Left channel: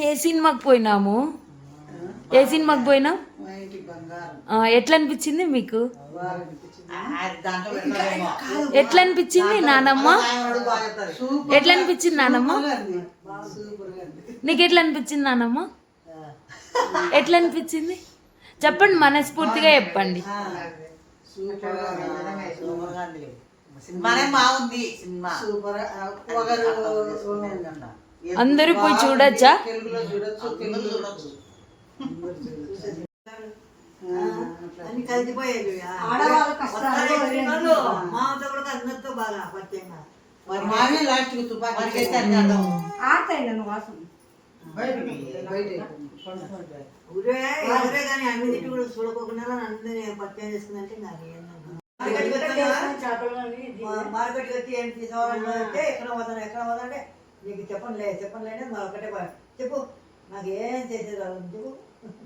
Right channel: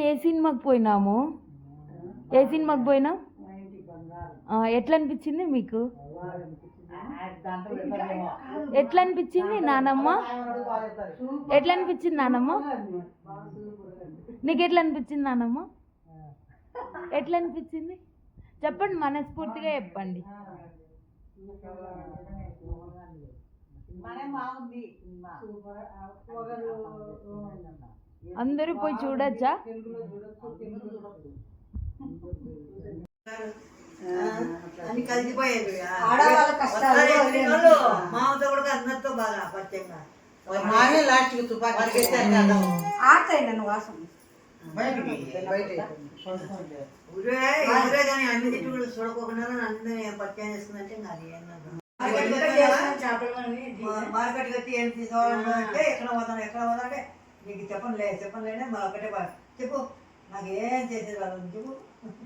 ఏ సినిమాకి పోయినాము? ఏ సినిమాకి పోయినాం? ఎట్లా అనిపించింది మీకు? ఎట్లా అనిపించింది నానమ్మ? ఎట్లా అనిపించింది నానమ్మ? నీకు ఎట్లా అనిపించింది నానమ్మ? ఎట్లా అనిపించింది చెప్పండి, మనస్ఫూర్తిగా చెప్పండి. అందరూ పోయి చూడొచ్చా? అని కలిసిపోయేది మామతో కూడా అందరితో బాగా పరిచయంగా ఊరే కానీ అన్ని తిట్టు కూడా చూడకోకుండా అందరినీ పరిచయం చేసుకుందంటే మార్కెట్ కట్టి ఏం తీసుకోవాలంటే ఎక్కడ పోతానంటే నీకు చెప్పనులే మా ఒక్కటే చెప్పు నాకు ఏం చేసేది వాళ్ళని చెప్పు